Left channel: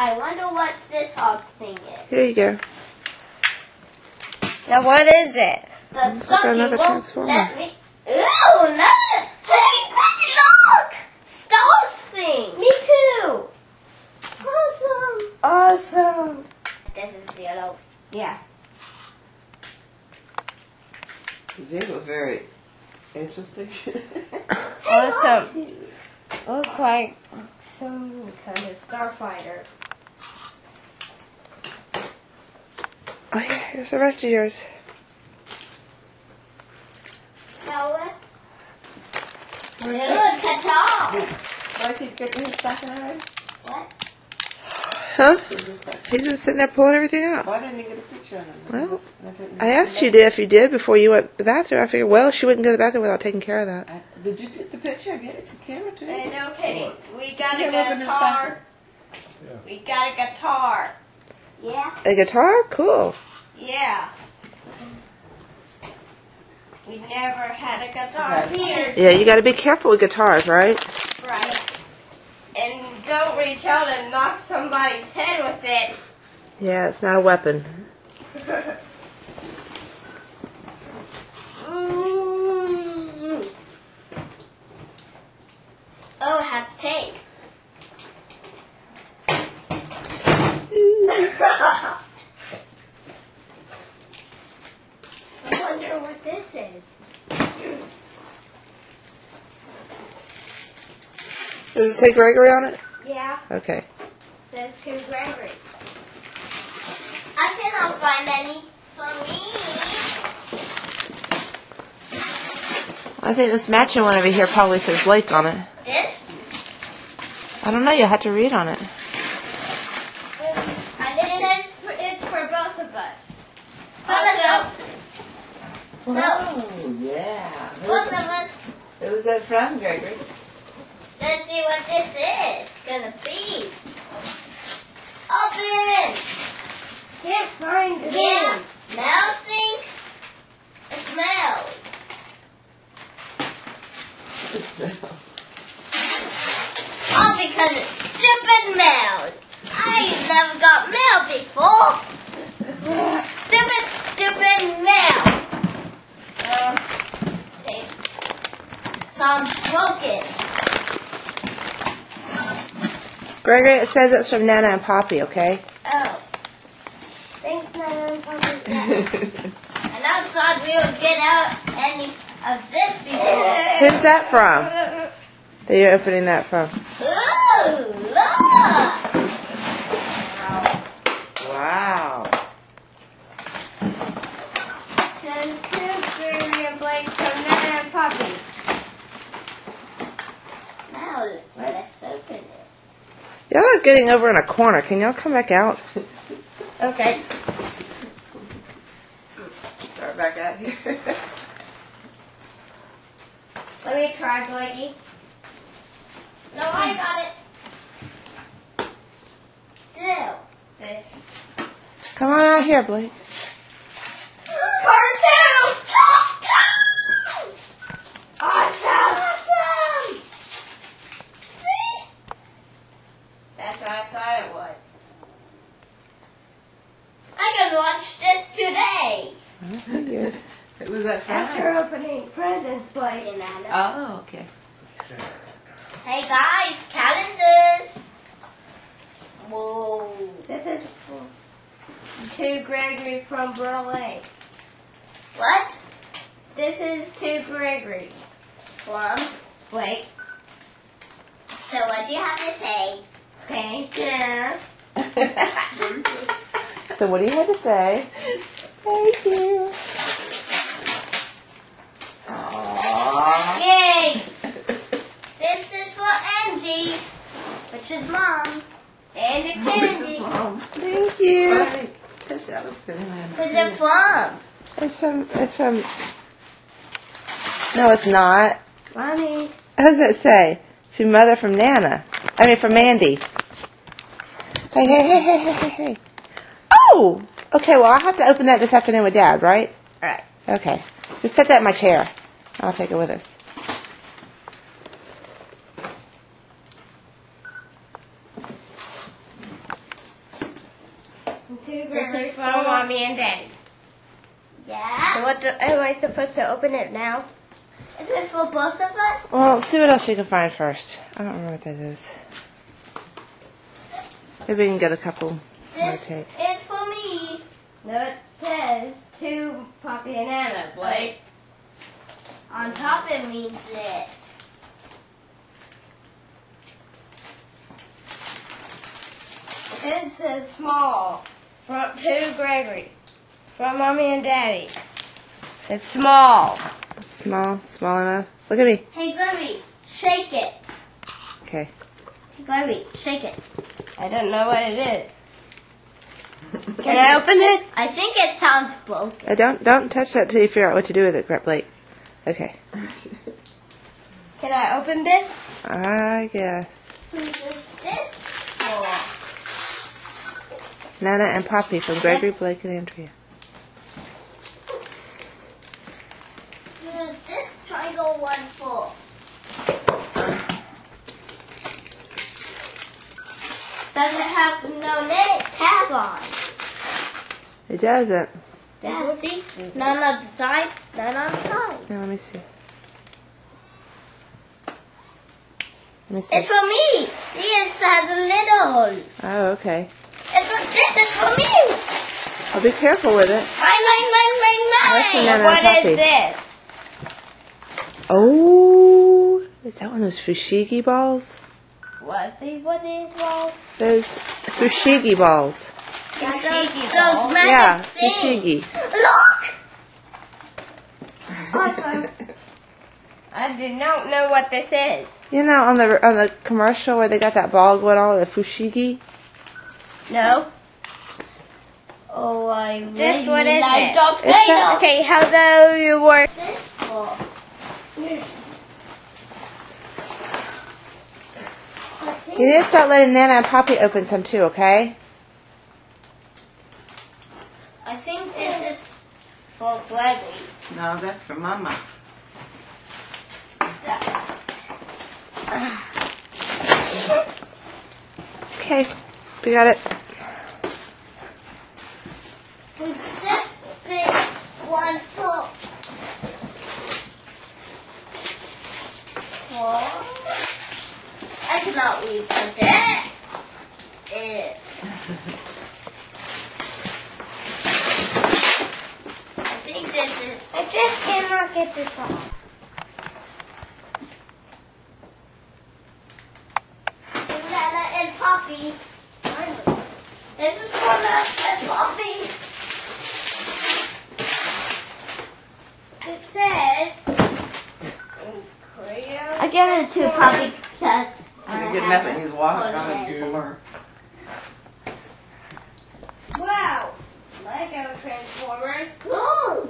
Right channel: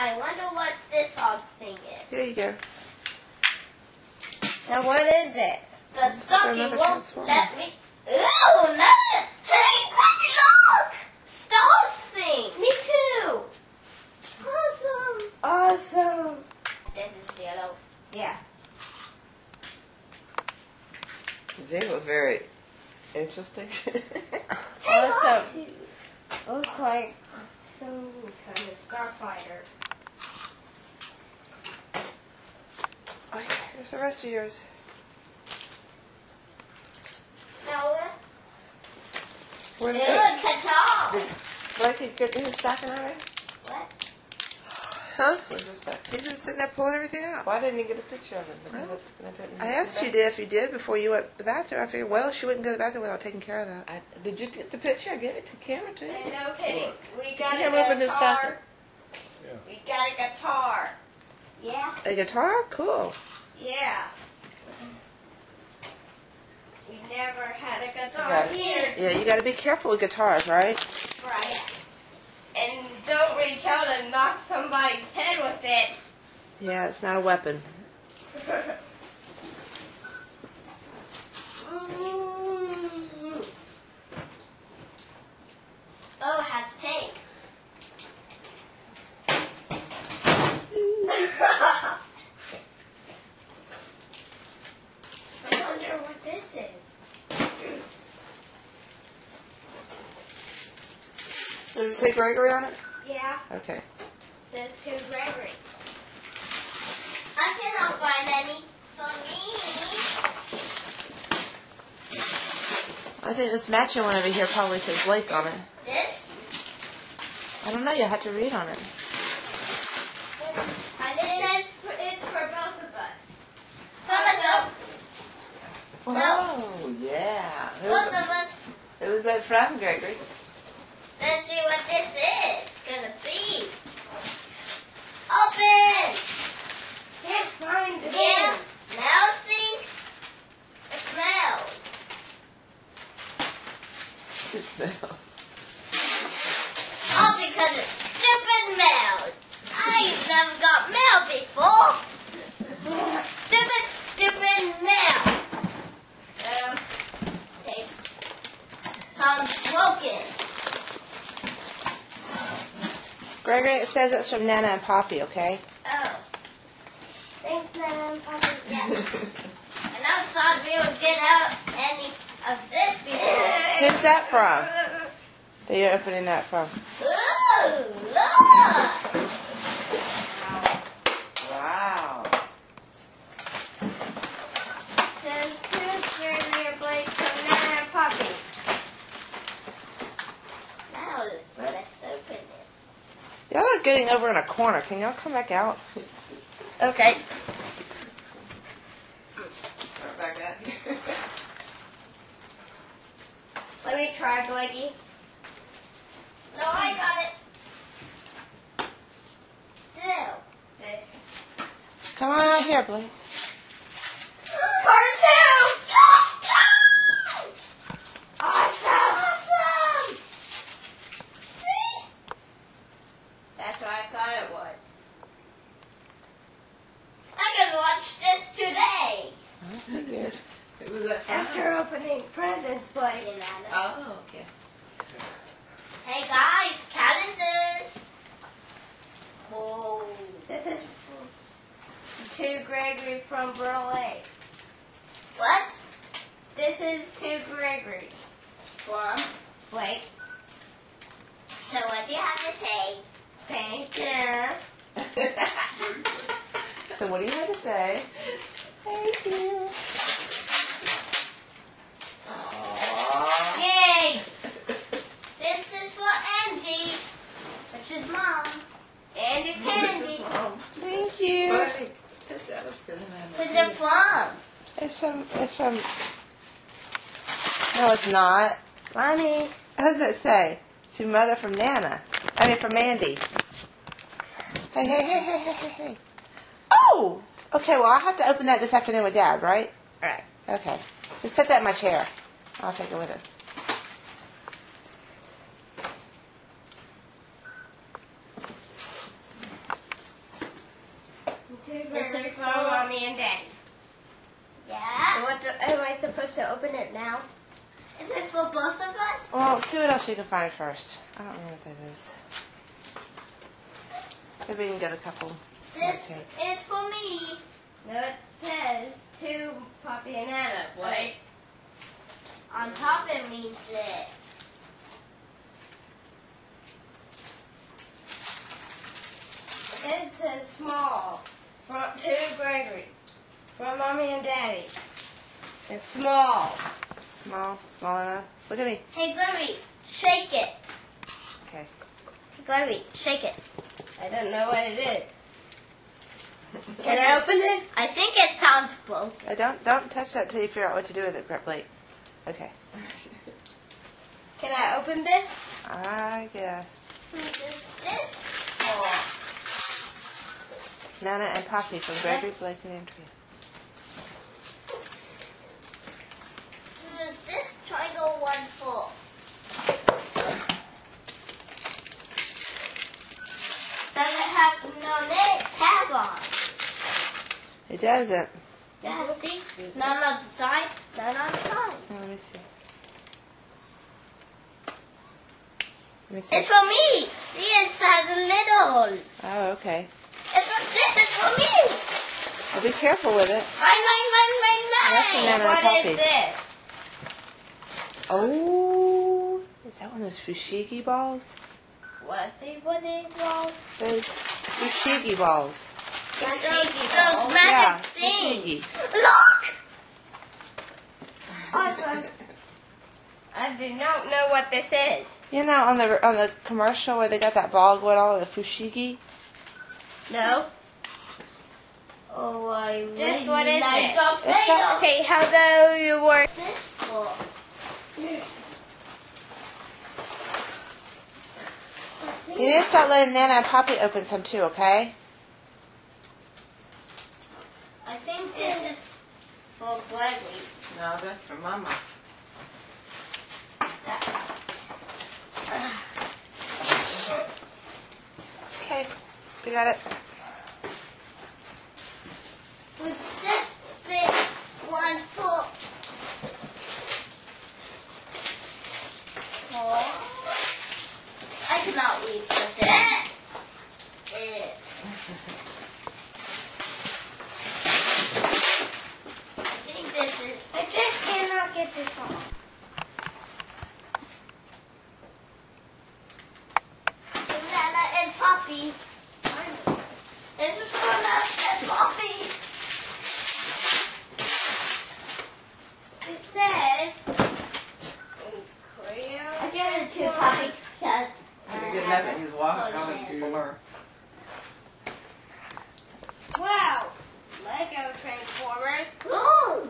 I wonder what this odd thing is. Here you go. Now what is it? The Look at sucky another won't transformer. let me. Ooh, another. Hey, Granny, look! Stars thing. Me too. Awesome. Awesome. This is yellow. Yeah. Jay was very interesting. Awesome. Looks like some kind of starfighter. Oh yeah, here's the rest of yours. Now what? Where's Look, it? Qatar. Like he's getting his stocking already? What? Huh? Or just like, He's just sitting there pulling everything out. why didn't he get a picture of him? Well, I didn't- I asked you if you did before you went to the bathroom. I figured, well, she wouldn't go to the bathroom without taking care of that. Did you take the picture? Get it to camera too? No kidding. We got You a can't open this guitar. Yeah. We got a guitar. Yeah. A guitar? Cool. Yeah. We never had a guitar Right. here. Yeah, you got to be careful with guitars, right? Right. And don't reach out and knock somebody's head with it. Yeah, it's not a weapon. Ooh. Oh, it has tape. I wonder what this is. Does it say Gregory on it? Yeah, Okay. says to Gregory. I cannot find any for me. I think this matching one over here probably says Blake on it. This? I don't know. You'll have to read on it. I think it's for both of us. Also, Oh, yeah. both of us. It was that from Gregory. Let's see what this is gonna be. Open! Can't find it. Yeah, now think it smells. All because it's stupid mail. I never got mail before. Stupid mail. Okay. Sounds broken. Gregory, it says it's from Nana and Poppy, okay? Oh. Thanks, Nana and Poppy. Yeah. And I thought we would get out any of this before. Who's that from? That you're opening that from? Ooh, look! Wow. Send to Gregory and Blake from Nana and Poppy. Now, let's open it. Y'all are getting over in a corner. Can y'all come back out? Okay. Start back out here. Let me try, Blakey. No, I got it. Still. Come on out here, Blake. Cartoon! Awesome! See? That's what I thought it was. I can watch this today. Oh, good. It was that from? After opening presents, Blake. Oh, okay. Hey guys, calendars. Whoa. This is to Gregory from Berlin. What? This is to Gregory. From Blake. So what do you have to say? Thank you. So what do you have to say? Thank you. Aww. Yay! This is for Andy, which is Mom. And a candy. Thank you. Right. That's that was good. Who's it from? It's from, no, it's not. Mommy. How does it say? To Mother from Nana. I mean, from Mandy. Hey, hey, hey, hey, hey, hey, hey. Oh! Okay, well, I'll have to open that this afternoon with Dad, right? Right. Okay. Just set that in my chair. I'll take it with us. This is for Mommy and Daddy. Yeah. So what am I supposed to open it now? Is it for both of us? Well, see what else you can find first. I don't remember what that is. Maybe we can get a couple more This tape. is for me. No, it says to Poppy and Anna, Blake. On top it means it. It says small. From to Gregory. From Mommy and Daddy. It's small. Small enough. Look at me. Hey, Gregory, shake it. Okay. Hey, Gregory, shake it. I don't know what it is. Can I open it? I think it sounds broken. Don't touch that till you figure out what to do with it, Blake. Okay. Can I open this? I guess. Who is this for? Nana and Poppy from Gregory, Blake, and Andrea. Who is this triangle one for? Does it have no name tag on? It doesn't. Yeah, see? None on the side, none on the side. Now, let me see. Let me see. It's for me. See, it has a little. Oh, okay. This is for me. Well, be careful with it. That's for Mine. Nana What and Poppy. is this? Oh, is that one of those fushigi balls? What the balls? Those fushigi balls. Those balls? magic Yeah, things. fushigi. Look. Awesome. I do not know what this is. You know, on the commercial where they got that ball going on, the fushigi. No. Oh, I Just what is it? Darth It's that- Vader. Okay, how though you were. This for? Let's see. You need to start letting Nana and Poppy open some too, okay? I think this is for Gregory. No, that's for Mama. Okay, we got it. Is this big one for? I cannot read this. I think this is. I just cannot get this off. Nana and Poppy. This is for Nana and Poppy. It says. Crayon. I get it to Poppy because. You didn't get nothing. He's walking on the floor. Wow. Lego Transformers. Ooh,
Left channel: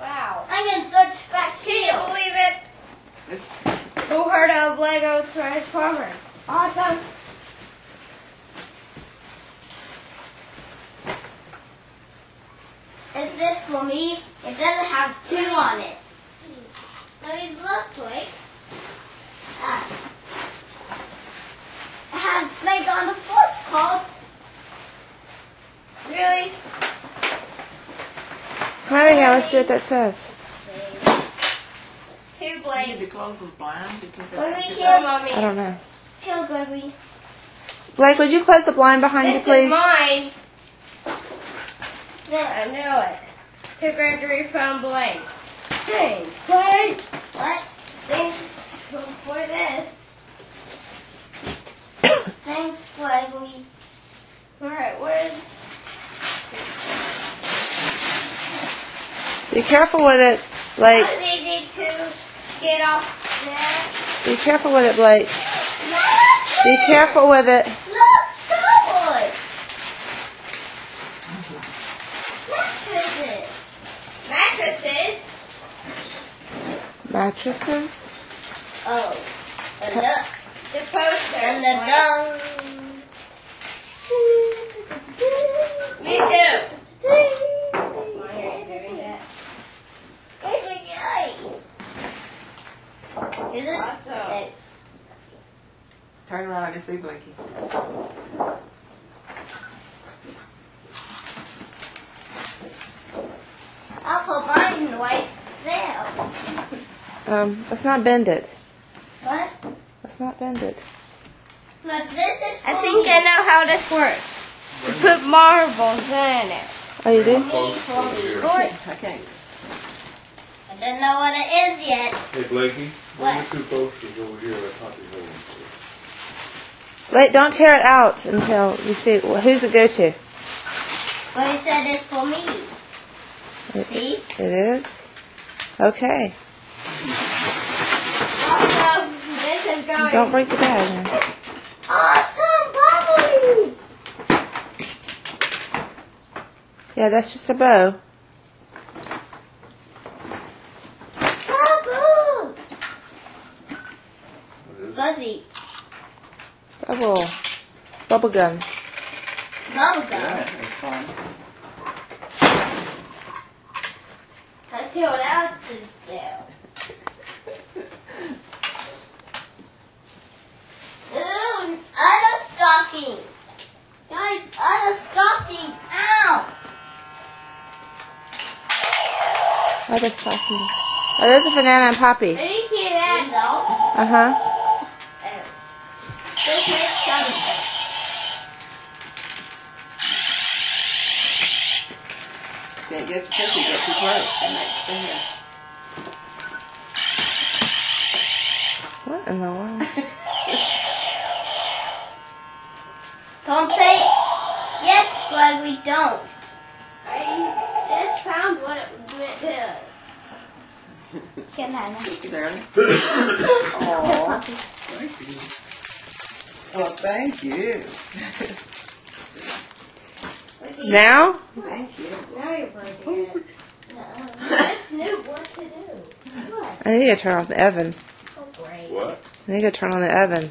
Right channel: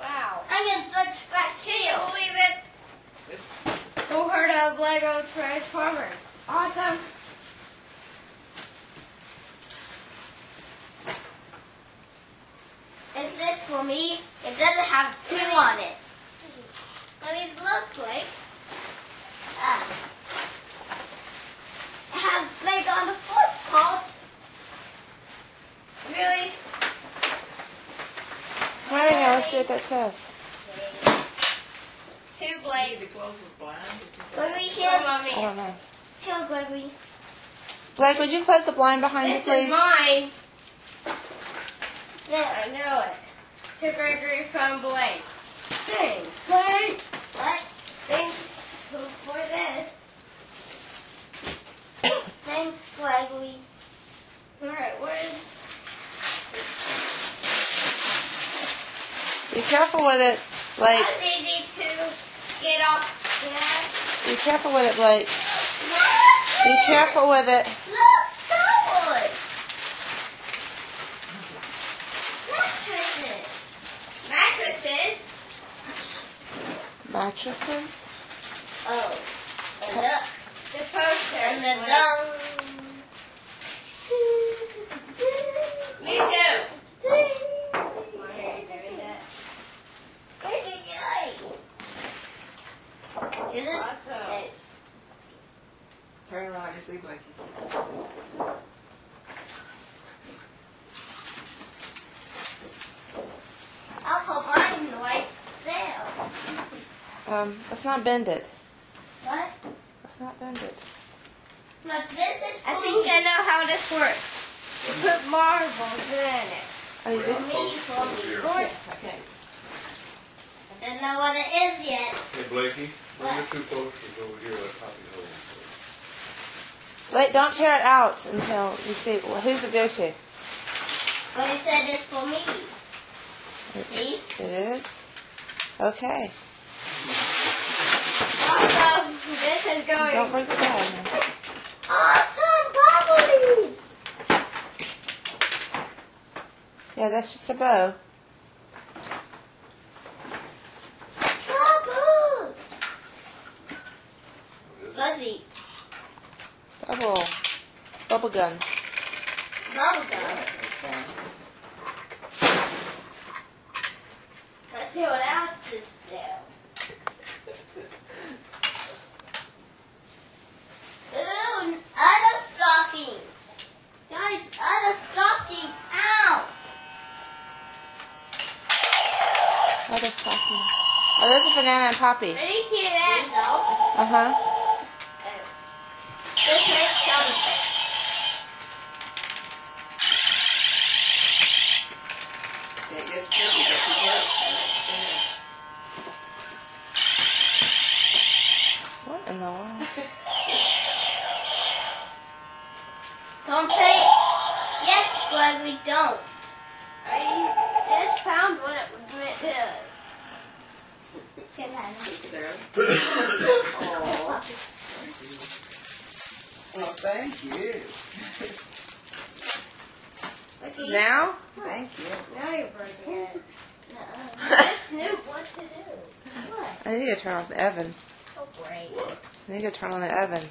Wow. I'm in such back Can here. you believe it? It's- Who heard of Lego Transformers? Awesome. Is this for me? It doesn't have two on it. Let me look, wait. It has like on the fourth part. Really? Come over here, let's see what that says. Two You Blake. need to close those blinds. You think Let me that's- hear I Mommy. don't know. Kill Gregory. Blake, would you close the blind behind you, This please? is mine. Yeah, I know it. To Gregory from Blake. Thanks, Blake. What? Thanks for this. Thanks, Gregory. Alright, where's... Be careful with it, Blake. It's easy to get off there. Be careful with it, Blake. Be careful with it. Look, Star Wars. Mattresses. Mattresses. Mattresses? Oh, and look. The poster. And the dung. Me too. My hair's doing that. Is it? Awesome. Turn around and see Blakey. Let's not bend it. What? Let's not bend it. But this is for I think me. I know how this works. You put marbles in it. Oh, you do? For me. Okay. I don't know what it is yet. Hey Blakey, bring What? the 2 posters over here at Poppy Hole. Wait, don't tear it out until you see. Well, who's it go to? But he said it's for me. See? It is? Okay. Also, this is going. Don't break the bag now. Awesome bubblies! Yeah, that's just a bow. Bubbles! What is it? Fuzzy. Bubble gum. Bubblegum. That was fun. Let's see what else is there. Ooh, other stockings. Guys, other stockings. Ow! Other stockings. Oh, those are for Nana and Poppy. Let me hear that. Uh huh. Let's make some. Can't get the cookie, get too close. What in the world? Don't play yet, but we don't. I just found what it meant to. Get Hannah. Cookie there. Oh, thank you. Oh, thank you. Now? Thank you. Now you're breaking it. This knew what to do. What? I need to turn off the oven. Oh, great. What? I need to turn on the oven.